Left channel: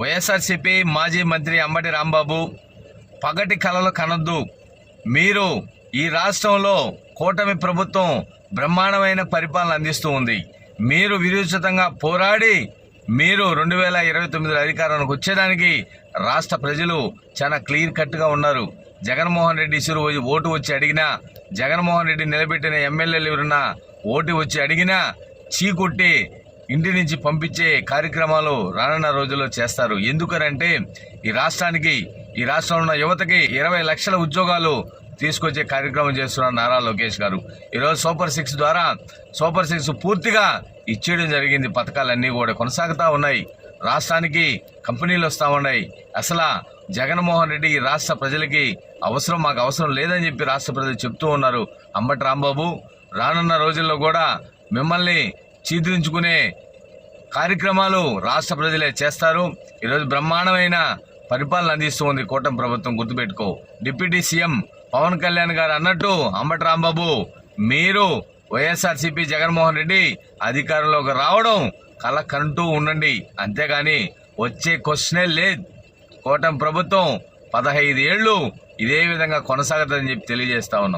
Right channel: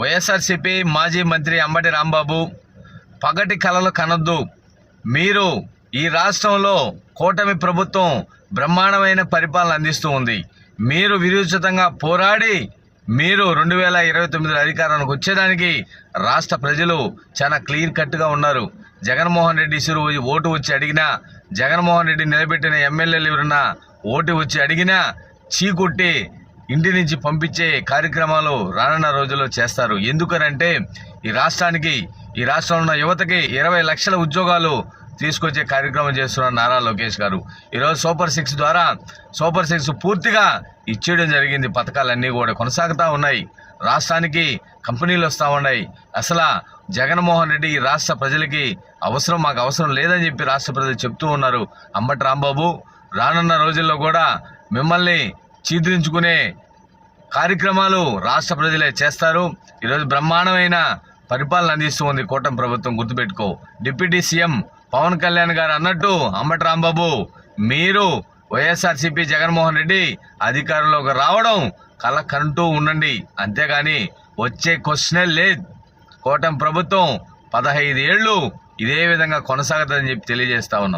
వైఎస్ఆర్సీపీ మాజీ మంత్రి అంబటి రాంబాబు పగటి కలలు కనద్దు. మీరు ఈ రాష్ట్రంలో కూటమి ప్రభుత్వం బ్రహ్మాండమైన పరిపాలన అందిస్తూ ఉంది. మీరు విరుచితంగా పోరాడి మీరు రెండు వేల ఇరవై తొమ్మిదిలో అధికారానికి వచ్చేదానికి రాష్ట్ర ప్రజలు చాలా క్లియర్ కట్గా ఉన్నారు. జగన్మోహన్ రెడ్డి ఇసురు ఓటు వచ్చి అడిగినా జగన్మోహన్ రెడ్డి నిలబెట్టిన ఎమ్మెల్యేలు ఎవరన్నా ఓటు వచ్చి అడిగినా చీకొట్టి ఇంటి నుంచి పంపించే కార్యక్రమాలు రానున్న రోజుల్లో చేస్తారు. ఎందుకనంటే ఈ రాష్ట్రానికి ఈ రాష్ట్రంలో ఉన్న యువతకి ఇరవై లక్షల ఉద్యోగాలు తీసుకొచ్చే కార్యక్రమం చేస్తున్నారు నారా లోకేష్ గారు. ఈరోజు సూపర్ సిక్స్ ద్వారా సూపర్ సిక్స్ పూర్తిగా ఇచ్చేయడం జరిగింది. పథకాలన్నీ కూడా కొనసాగుతూ ఉన్నాయి. రాష్ట్రానికి కంపెనీలు వస్తూ ఉన్నాయి. అసలు జగన్మోహన్ రెడ్డి ఈ రాష్ట్ర ప్రజలకి అవసరం మాకు అవసరం లేదని చెప్పి రాష్ట్ర ప్రజలు చెప్తూ ఉన్నారు. అంబటి రాంబాబు రానున్న రోజుల్లో కూడా మిమ్మల్ని చీదించుకునే కార్యక్రమాలు రాష్ట్ర ప్రజలే చేస్తారు. ఈరోజు బ్రహ్మాండమైన పరిపాలన అందిస్తూ ఉంది కూటమి ప్రభుత్వం. గుర్తుపెట్టుకో. డిప్యూటీ సీఎం పవన్ కళ్యాణ్ గారు అన్నట్టు అంబటి రాంబాబు మీరు వైఎస్ఆర్సీపీ జగన్మోహన్ రెడ్డి అధికారంలోకి రావడం కల కంటూ ఉండండి. అంతేగాని వచ్చే క్వశ్చనే లేదు. కూటమి ప్రభుత్వం పదహైదు ఏళ్ళు ఇదే విధంగా కొనసాగుతుందని చెప్పి తెలియజేస్తా ఉన్నాం.